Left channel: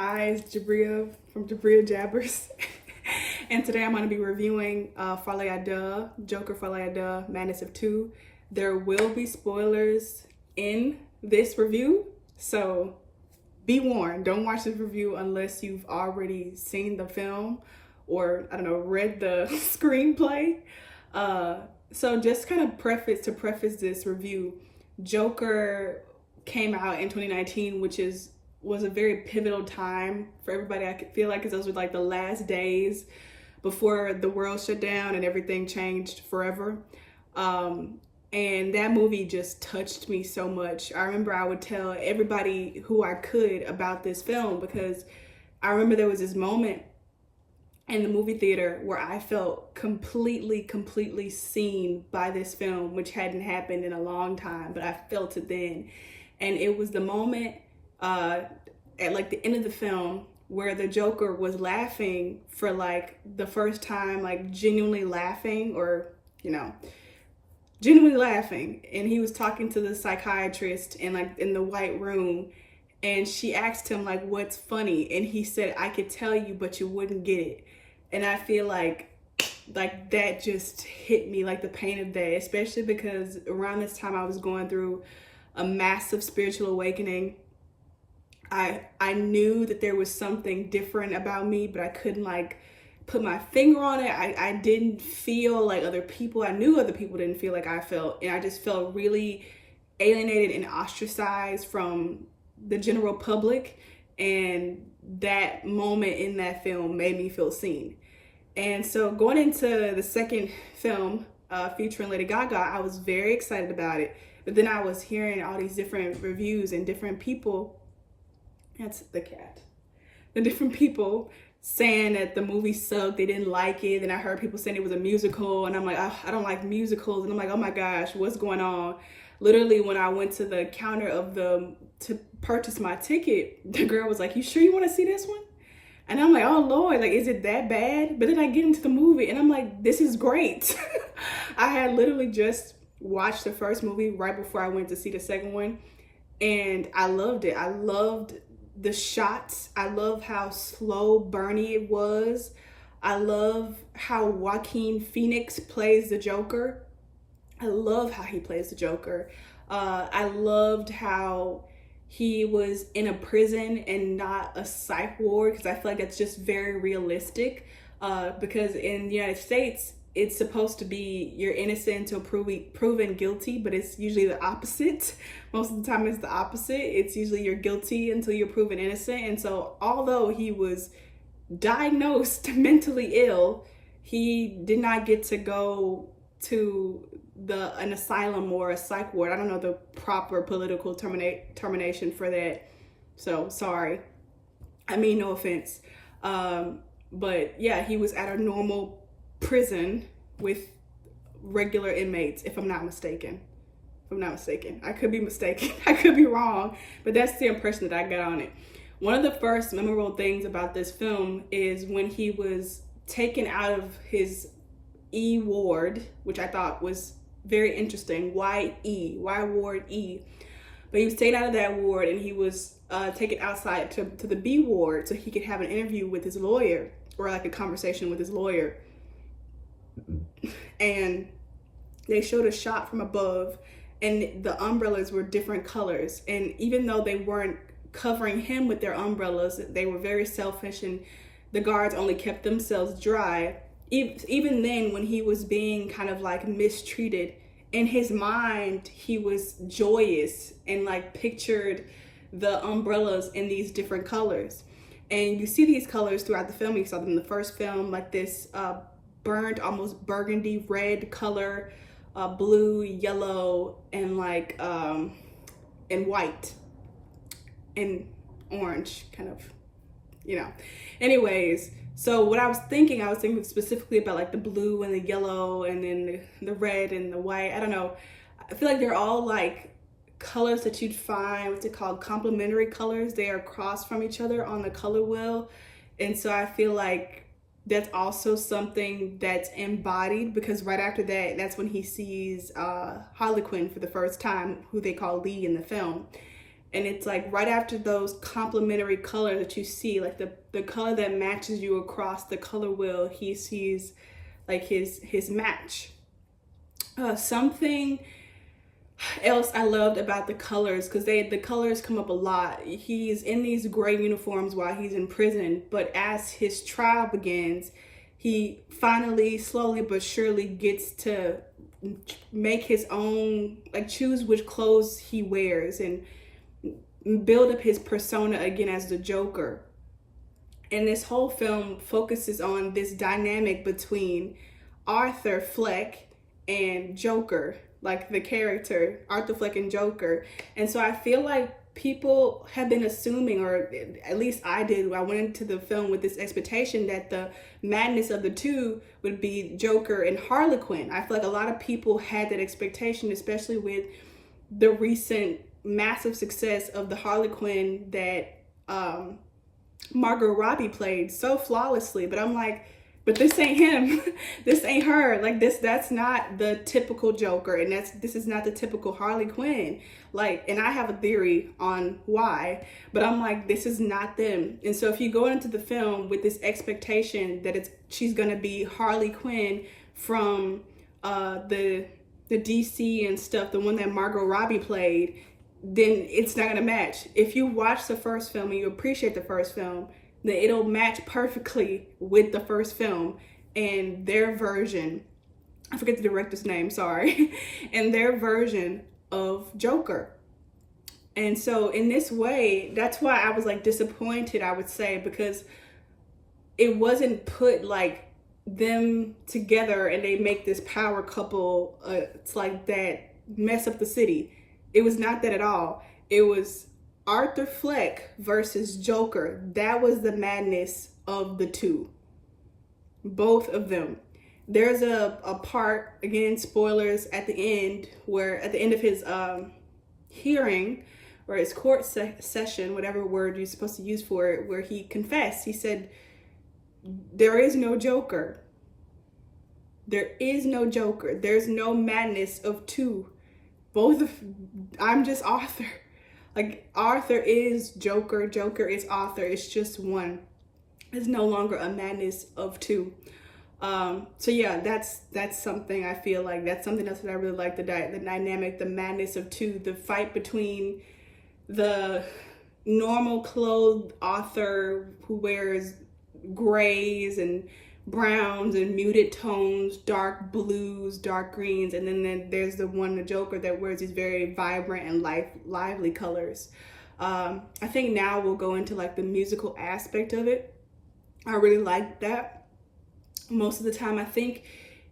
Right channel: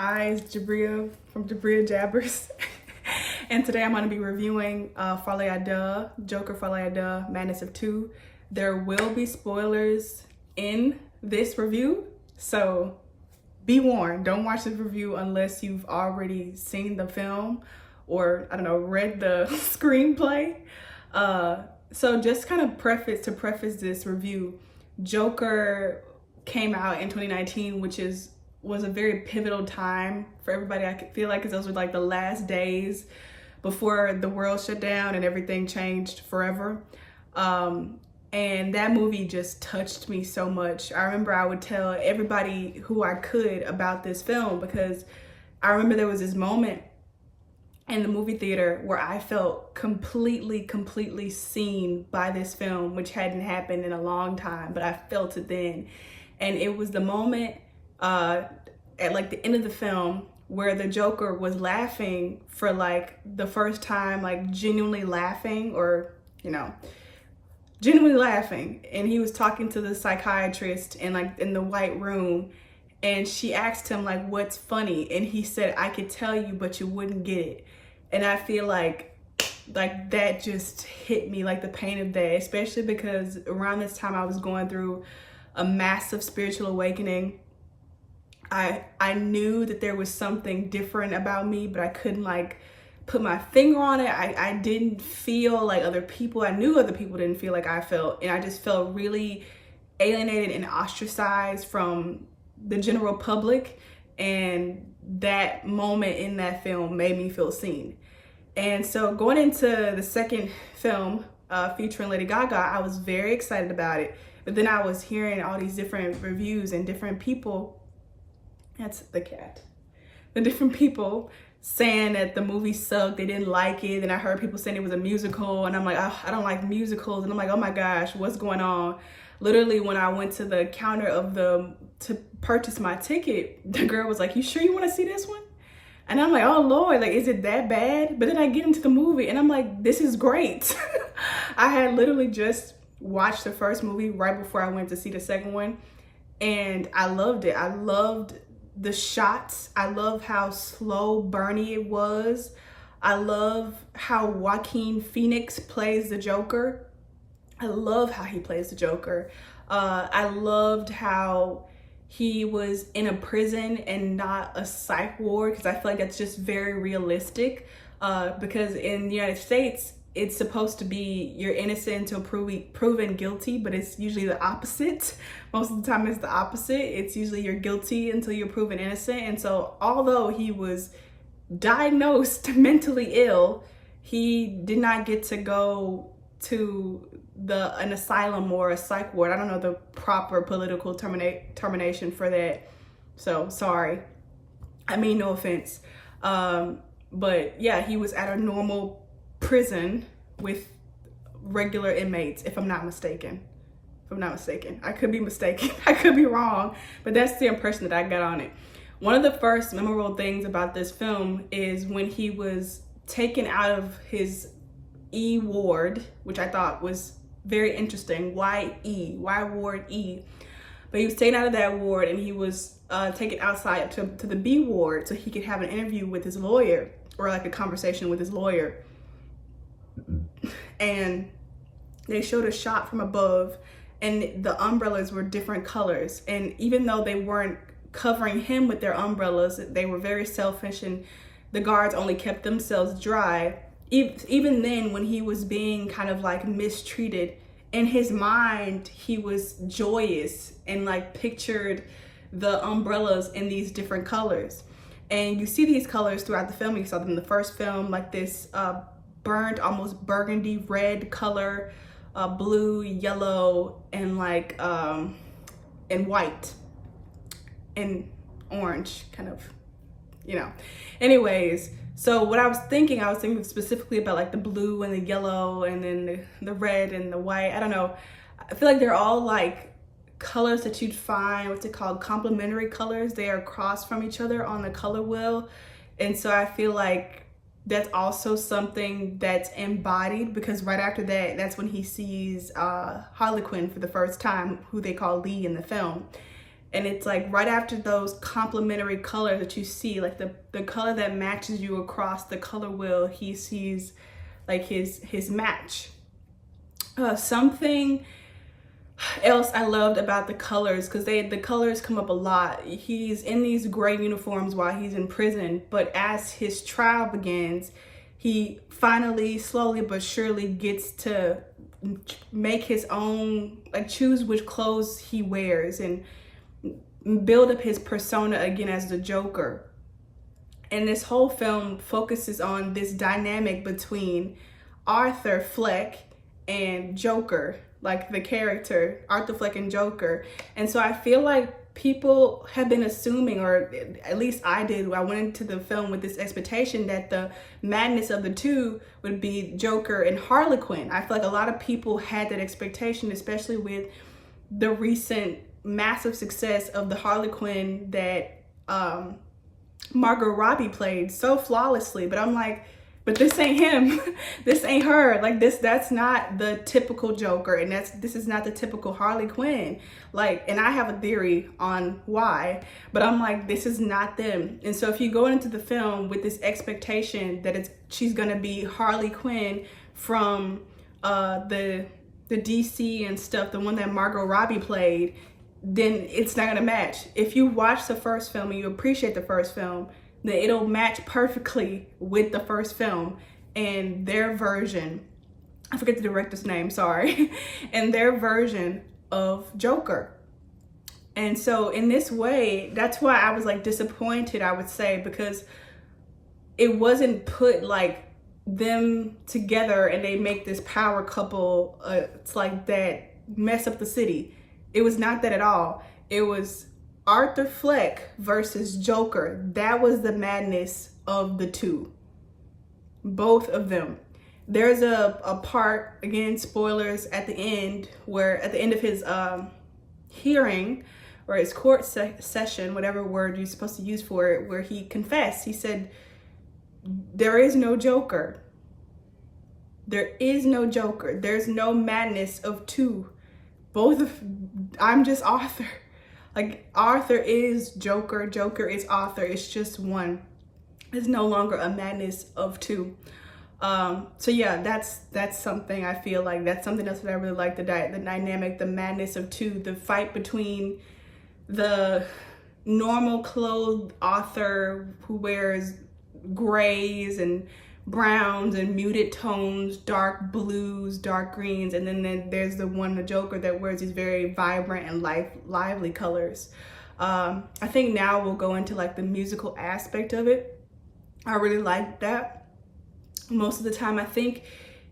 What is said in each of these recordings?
Hi, it's Jabria from Jabria Jabbers. And today I'm going to be reviewing Frolie, Deux, Joker Frolie, Deux, Madness of Two. There will be spoilers in this review, so be warned. Don't watch this review unless you've already seen the film or, I don't know, read the screenplay. So just kind of preface this review, Joker came out in 2019, which was a very pivotal time for everybody. I could feel like, because those were like the last days before the world shut down and everything changed forever. And that movie just touched me so much. I remember I would tell everybody who I could about this film, because I remember there was this moment in the movie theater where I felt completely seen by this film, which hadn't happened in a long time, but I felt it then. And it was the moment at like the end of the film where the Joker was laughing for like the first time, like genuinely laughing, or genuinely laughing. And he was talking to the psychiatrist in the white room, and she asked him like, what's funny? And he said, I could tell you, but you wouldn't get it. And I feel like that just hit me, like the pain of that, especially because around this time I was going through a massive spiritual awakening. I knew that there was something different about me, but I couldn't like put my finger on it. I didn't feel like other people. I knew other people didn't feel like I felt, and I just felt really alienated and ostracized from the general public. And that moment in that film made me feel seen. And so going into the second film, featuring Lady Gaga, I was very excited about it. But then I was hearing all these different reviews and different people, that's the cat, the different people saying that the movie sucked, they didn't like it. Then I heard people saying it was a musical, and I'm like, oh, I don't like musicals. And I'm like, oh my gosh, what's going on? Literally, when I went to the counter to purchase my ticket, the girl was like, you sure you want to see this one? And I'm like, oh Lord, like, is it that bad? But then I get into the movie and I'm like, this is great. I had literally just watched the first movie right before I went to see the second one, and I loved it. I loved the shots. I love how slow burny it was. I love how Joaquin Phoenix plays the Joker. I love how he plays the Joker. I loved how he was in a prison and not a psych ward, because I feel like that's just very realistic. Because in the United States, it's supposed to be you're innocent until proven guilty, but it's usually the opposite. Most of the time it's the opposite. It's usually you're guilty until you're proven innocent. And so although he was diagnosed mentally ill, he did not get to go to an asylum or a psych ward. I don't know the proper political termination for that. So sorry. I mean, no offense. But yeah, he was at a normal prison with regular inmates, if I'm not mistaken. I could be mistaken. I could be wrong, but that's the impression that I got on it. One of the first memorable things about this film is when he was taken out of his E ward, which I thought was very interesting. Why E? Why ward E? But he was taken out of that ward and he was taken outside to the B ward so he could have an interview with his lawyer, or like a conversation with his lawyer. And they showed a shot from above, and the umbrellas were different colors. And even though they weren't covering him with their umbrellas, they were very selfish, and the guards only kept themselves dry. Even then, when he was being kind of like mistreated, in his mind, he was joyous and like pictured the umbrellas in these different colors. And you see these colors throughout the film. You saw them in the first film, like this burnt, almost burgundy red color, blue, yellow, and like and white and orange, kind of, Anyways, so what I was thinking specifically about like the blue and the yellow, and then the red and the white. I don't know. I feel like they're all like colors that you'd find, what's it called, complementary colors. They are crossed from each other on the color wheel. And so I feel like that's also something that's embodied, because right after that, that's when he sees Harley Quinn for the first time, who they call Lee in the film. And it's like right after those complementary colors that you see, like the color that matches you across the color wheel, he sees like his match. Something else I loved about the colors, because the colors come up a lot. He's in these gray uniforms while he's in prison, but as his trial begins, he finally, slowly but surely, gets to make his own, like choose which clothes he wears and build up his persona again as the Joker. And this whole film focuses on this dynamic between Arthur Fleck and Joker, like the character Arthur Fleck and Joker. And so I feel like people have been assuming, or at least I did, I went into the film with this expectation that the madness of the two would be Joker and Harley Quinn. I feel like a lot of people had that expectation, especially with the recent massive success of the Harley Quinn that Margot Robbie played so flawlessly. But I'm like, but this ain't him. This ain't her. Like that's not the typical Joker, and this is not the typical Harley Quinn. Like, and I have a theory on why, but I'm like, this is not them. And so if you go into the film with this expectation that she's gonna be Harley Quinn from the DC and stuff, the one that Margot Robbie played, then it's not gonna match. If you watch the first film and you appreciate the first film, then it'll match perfectly with the first film and their version. I forget the director's name, sorry. And their version of Joker. And so in this way, that's why I was like disappointed, I would say, because it wasn't put like them together and they make this power couple. It's like that mess up the city. It was not that at all. It was Arthur Fleck versus Joker. That was the madness of the two. Both of them. There's a part, again, spoilers, at the end, where at the end of his hearing or his court session, whatever word you're supposed to use for it, where he confessed. He said, there is no Joker. There is no Joker. There's no madness of two. I'm just Arthur. Like, Arthur is Joker, Joker is Arthur. It's just one. It's no longer a madness of two. So yeah, that's something I feel like, that's something else that I really like, the dynamic, the madness of two, the fight between the normal clothed Arthur who wears grays and browns and muted tones, dark blues, dark greens, and then there's the Joker that wears these very vibrant and lively colors. I think now we'll go into like the musical aspect of it. I really like that. Most of the time I think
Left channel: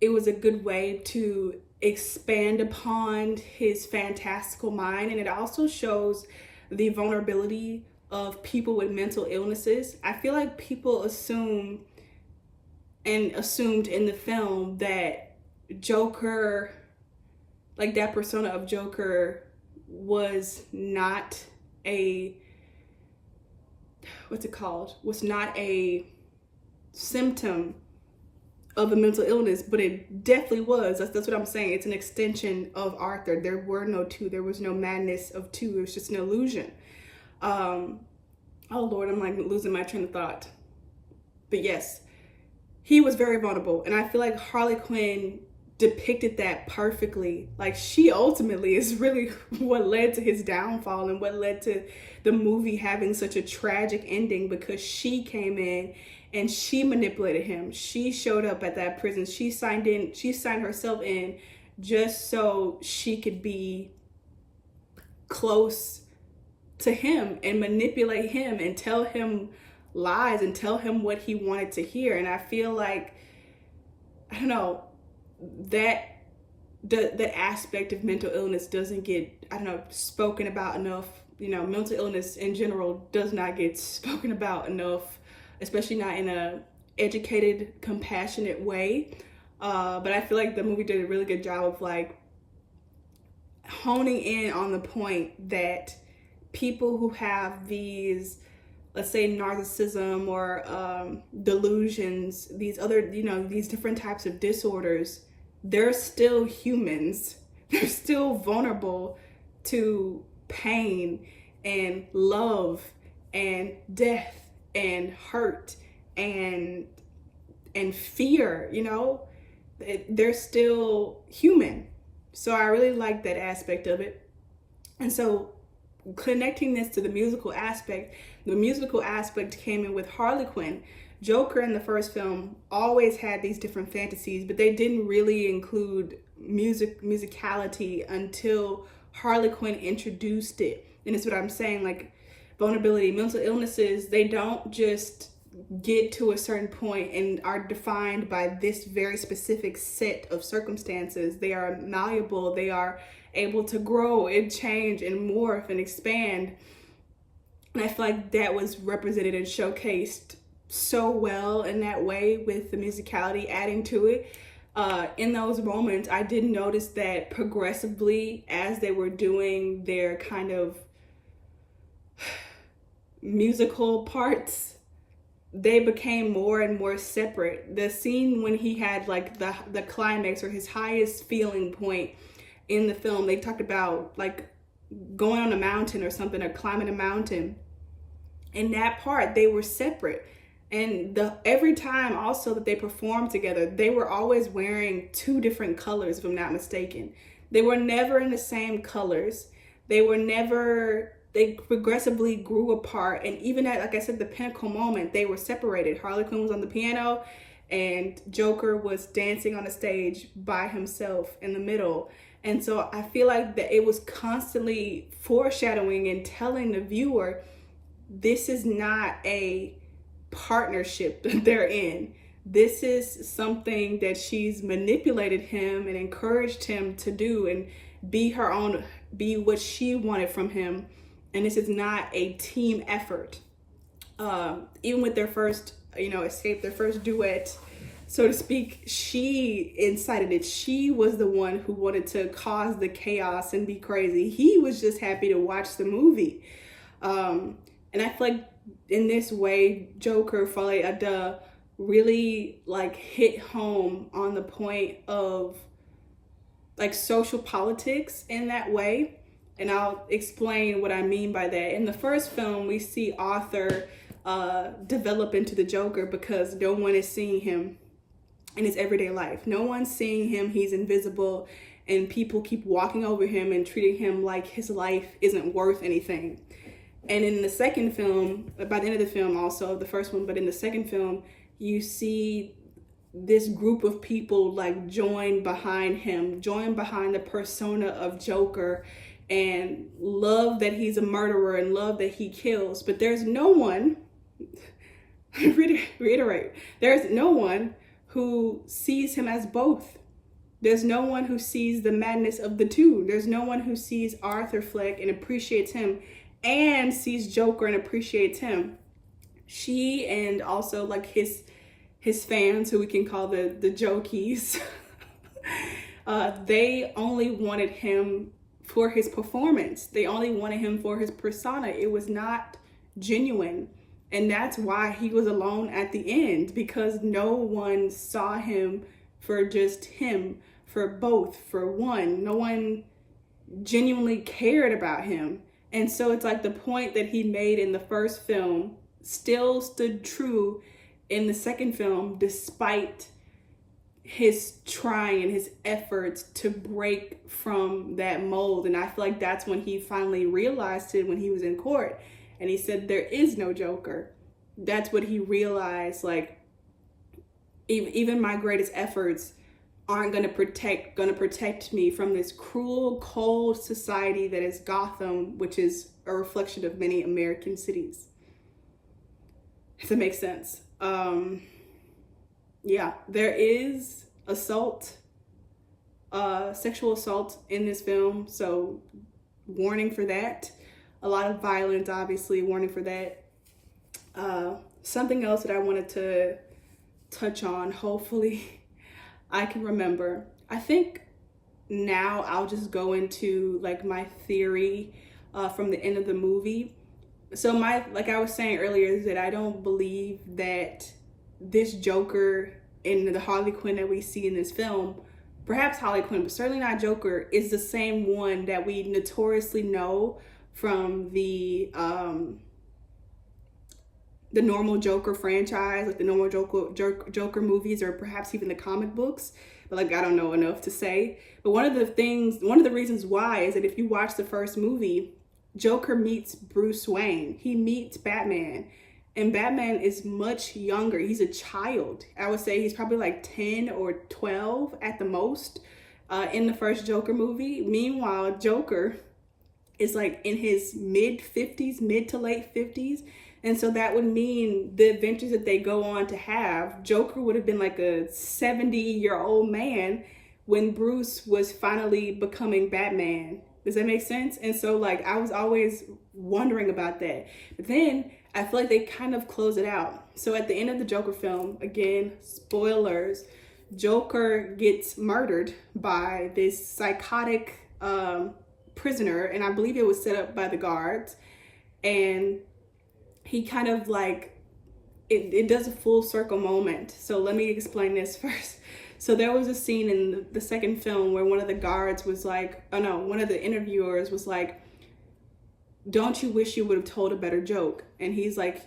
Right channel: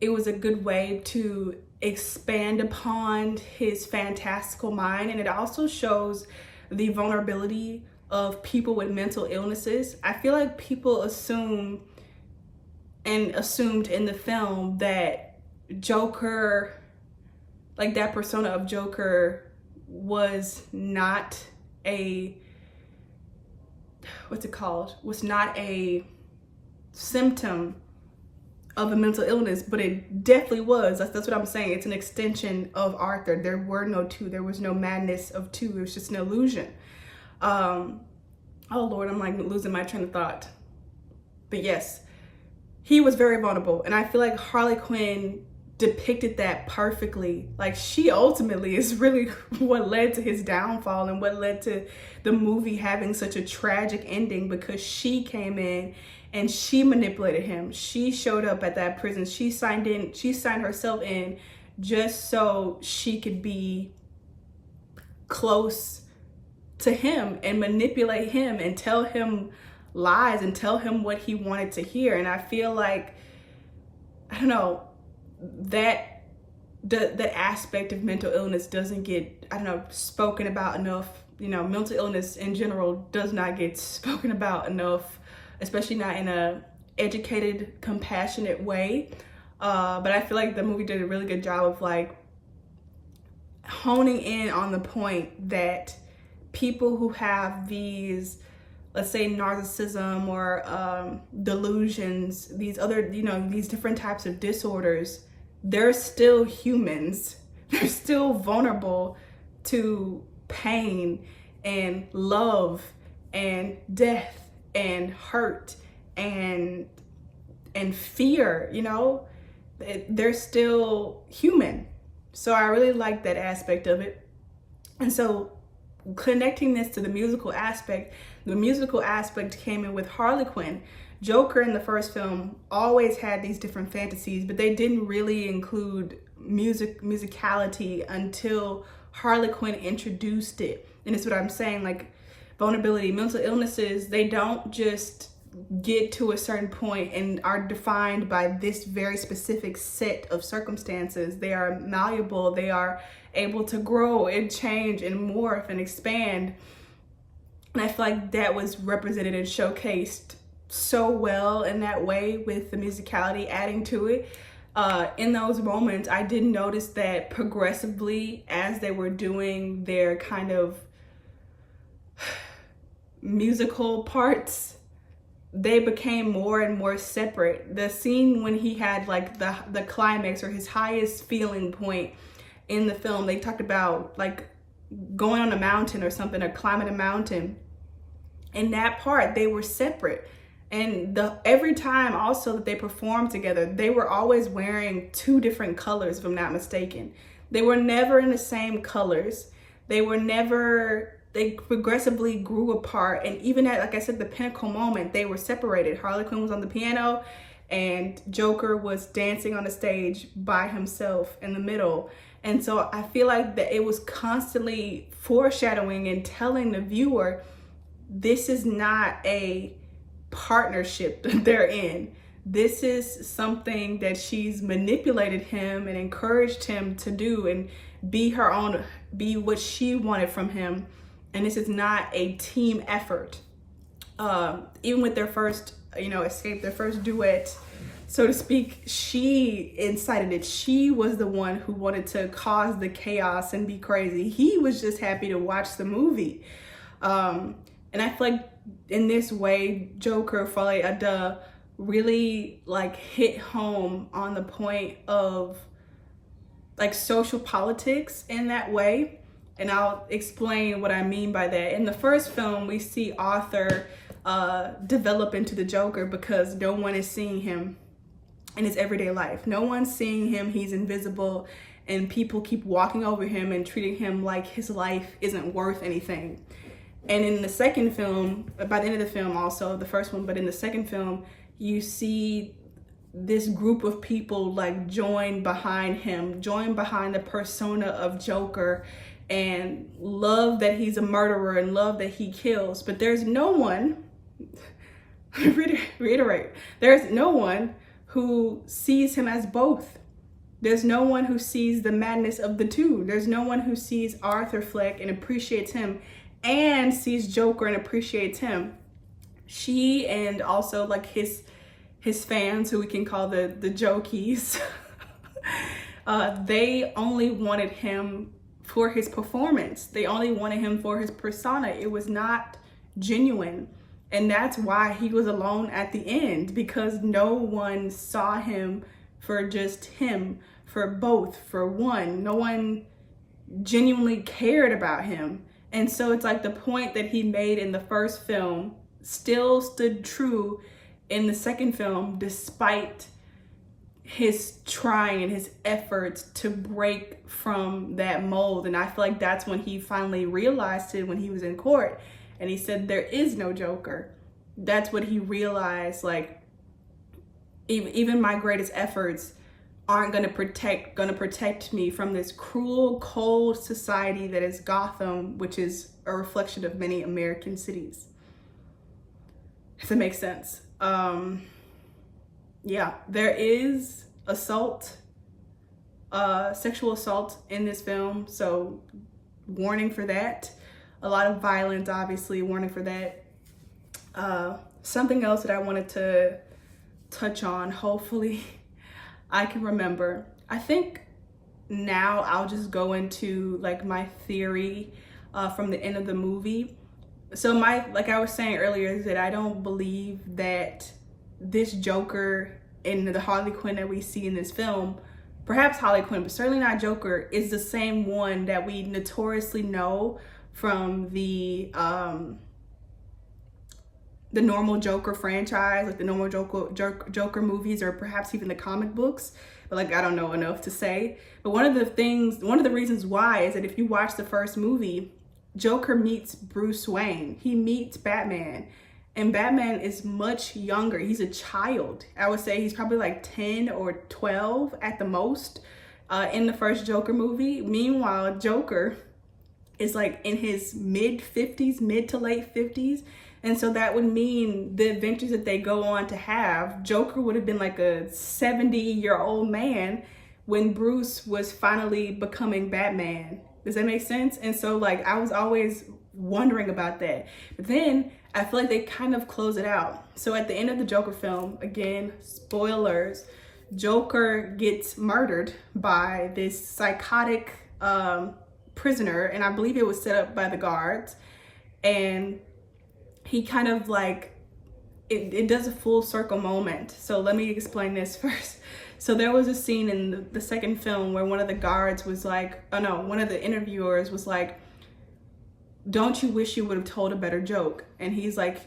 it was a good way to expand upon his fantastical mind, and it also shows the vulnerability of people with mental illnesses. I feel like people assumed in the film that Joker, like that persona of Joker, was not a, was not a symptom of a mental illness, but it definitely was. That's what I'm saying. It's an extension of Arthur. There were no two. There was no madness of two. It was just an illusion. Oh Lord, I'm like losing my train of thought. But yes, he was very vulnerable, and I feel like Harley Quinn depicted that perfectly. Like, she ultimately is really what led to his downfall and what led to the movie having such a tragic ending, because she came in and she manipulated him. She showed up at that prison. She signed herself in just so she could be close to him and manipulate him and tell him lies and tell him what he wanted to hear. And I feel like, I don't know, that aspect of mental illness doesn't get, I don't know, spoken about enough. You know, mental illness in general does not get spoken about enough, especially not in a educated, compassionate way. But I feel like the movie did a really good job of like honing in on the point that people who have these, let's say, narcissism or delusions, these other, you know, these different types of disorders, they're still humans. They're still vulnerable to pain and love and death and hurt and fear, you know, they're still human. So I really like that aspect of it. And so connecting this to the musical aspect came in with Harley Quinn. Joker in the first film always had these different fantasies, but they didn't really include musicality until Harley Quinn introduced it. And it's what I'm saying, like vulnerability, mental illnesses, they don't just get to a certain point and are defined by this very specific set of circumstances. They are malleable, they are able to grow and change and morph and expand. And I feel like that was represented and showcased so well in that way, with the musicality adding to it. In those moments, I did notice that progressively, as they were doing their kind of musical parts, they became more and more separate. The scene when he had like the climax or his highest feeling point in the film, they talked about like going on a mountain or something, or climbing a mountain. In that part, they were separate. And every time also that they performed together, they were always wearing two different colors, if I'm not mistaken. They were never in the same colors. They progressively grew apart. And even at, like I said, the pinnacle moment, they were separated. Harley Quinn was on the piano and Joker was dancing on the stage by himself in the middle. And so I feel like that it was constantly foreshadowing and telling the viewer, this is not a partnership that they're in. This is something that she's manipulated him and encouraged him to do and be what she wanted from him. And this is not a team effort. Even with their first, escape, their first duet, so to speak, she incited it. She was the one who wanted to cause the chaos and be crazy. He was just happy to watch the movie. And I feel like in this way, Joker, Frolie, Deux really like hit home on the point of like social politics in that way. And I'll explain what I mean by that. In the first film, we see Arthur develop into the Joker because no one is seeing him in his everyday life. No one's seeing him. He's invisible, and people keep walking over him and treating him like his life isn't worth anything. And in the second film, by the end of the film also, the first one, but in the second film, you see this group of people like join behind him, join behind the persona of Joker, and love that he's a murderer and love that he kills. But there's no one, reiterate, there's no one who sees him as both. There's no one who sees the madness of the two. There's no one who sees Arthur Fleck and appreciates him and sees Joker and appreciates him. She and also like his fans, who we can call the Jokies, they only wanted him for his performance. They only wanted him for his persona. It was not genuine. And that's why he was alone at the end, because no one saw him for just him, for both, for one. No one genuinely cared about him. And so it's like the point that he made in the first film still stood true in the second film, despite his trying and his efforts to break from that mold. And I feel like that's when he finally realized it, when he was in court and he said, there is no Joker. That's what he realized, like, even my greatest efforts aren't gonna protect me from this cruel, cold society that is Gotham, which is a reflection of many American cities. If that makes sense. Yeah, there is assault, sexual assault in this film, so warning for that. A lot of violence, obviously, warning for that. Something else that I wanted to touch on, hopefully I can remember. I think now I'll just go into like my theory from the end of the movie. So like I was saying earlier, is that I don't believe that this Joker and the Harley Quinn that we see in this film, perhaps Harley Quinn, but certainly not Joker, is the same one that we notoriously know from the normal Joker franchise, like the normal Joker movies, or perhaps even the comic books. But like, I don't know enough to say. But one of the reasons why is that if you watch the first movie, Joker meets Bruce Wayne. He meets Batman. And Batman is much younger. He's a child. I would say he's probably like 10 or 12 at the most in the first Joker movie. Meanwhile, Joker is like in his mid to late 50s. And so that would mean the adventures that they go on to have, Joker would have been like a 70-year-old man when Bruce was finally becoming Batman. Does that make sense? And so like, I was always wondering about that. But then I feel like they kind of close it out. So at the end of the Joker film, again, spoilers, Joker gets murdered by this psychotic prisoner. And I believe it was set up by the guards. And he kind of like, it does a full circle moment. So let me explain this first. So there was a scene in the second film where one of the guards was like, oh no, one of the interviewers was like, don't you wish you would have told a better joke? And he's like,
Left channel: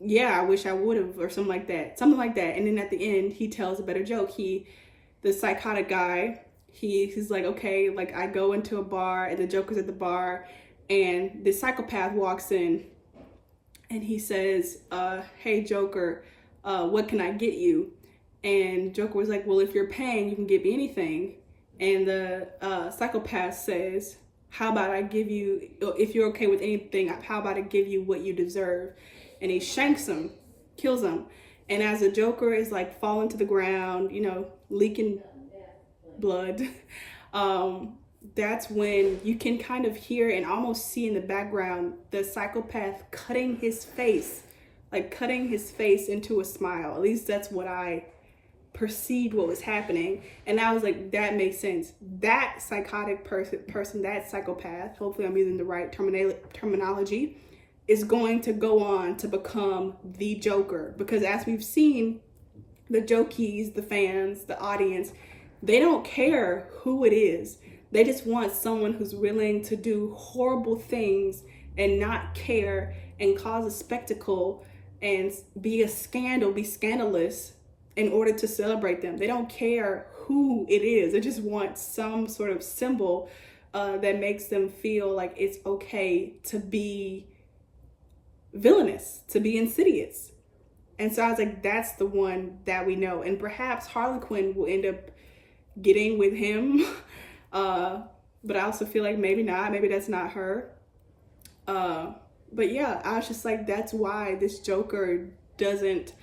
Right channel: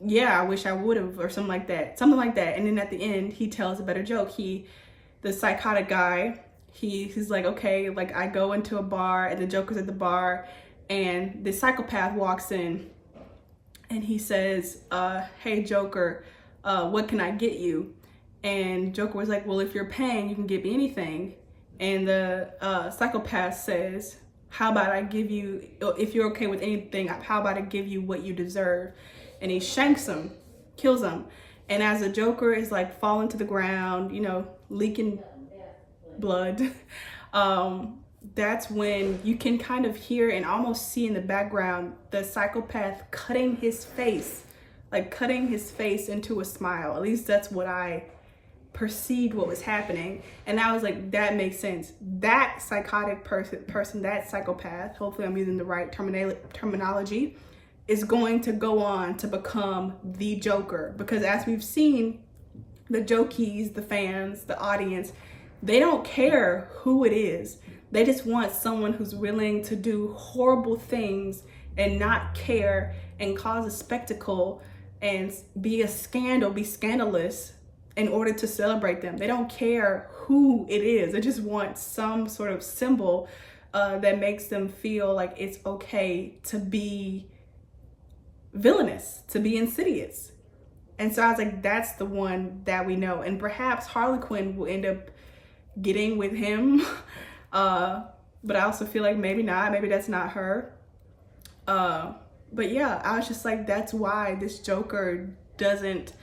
yeah, I wish I would have, or something like that. Something like that. And then at the end, he tells a better joke. The psychotic guy, he's like, okay, like I go into a bar and the Joker's at the bar and the psychopath walks in and he says, hey Joker, what can I get you? And Joker was like, well, if you're paying, you can get me anything. And the psychopath says, how about I give you, if you're okay with anything, how about I give you what you deserve? And he shanks him, kills him. And as the Joker is like falling to the ground, you know, leaking blood, that's when you can kind of hear and almost see in the background the psychopath cutting his face into a smile. At least that's what I perceived what was happening. And I was like, that makes sense. That psychotic person, that psychopath, hopefully I'm using the right terminology, is going to go on to become the Joker. Because as we've seen, the Jokies, the fans, the audience, they don't care who it is. They just want someone who's willing to do horrible things and not care and cause a spectacle and be scandalous in order to celebrate them. They don't care who it is. They just want some sort of symbol that makes them feel like it's okay to be villainous, to be insidious. And so I was like, that's the one that we know. And perhaps Harley Quinn will end up getting with him. But I also feel like maybe not. Maybe that's not her. But yeah, I was just like, that's why this Joker doesn't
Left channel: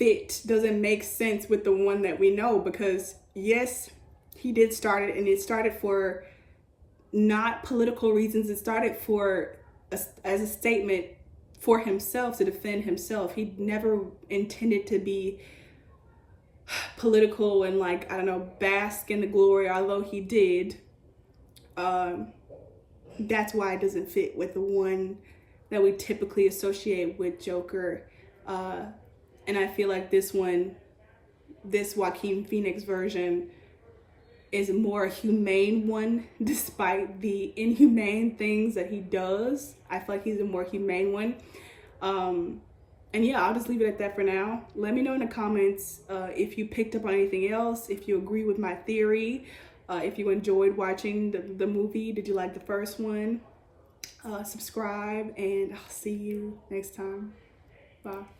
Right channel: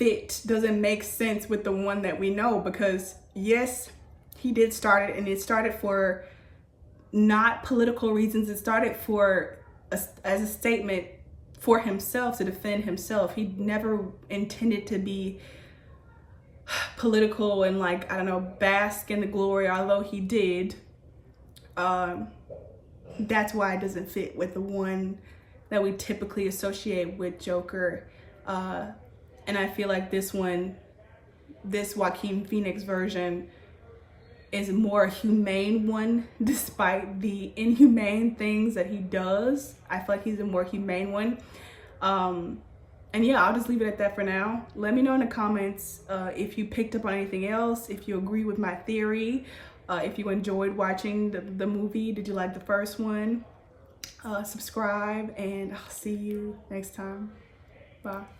make sense with the one that we know. Because yes, he did start it, and it started for not political reasons. It started as a statement for himself, to defend himself. He never intended to be political and like, I don't know, bask in the glory, although he did. That's why it doesn't fit with the one that we typically associate with Joker. And I feel like this Joaquin Phoenix version is a more humane one, despite the inhumane things that he does. I feel like he's a more humane one. And yeah, I'll just leave it at that for now. Let me know in the comments if you picked up on anything else, if you agree with my theory, if you enjoyed watching the movie. Did you like the first one? Subscribe, and I'll see you next time. Bye.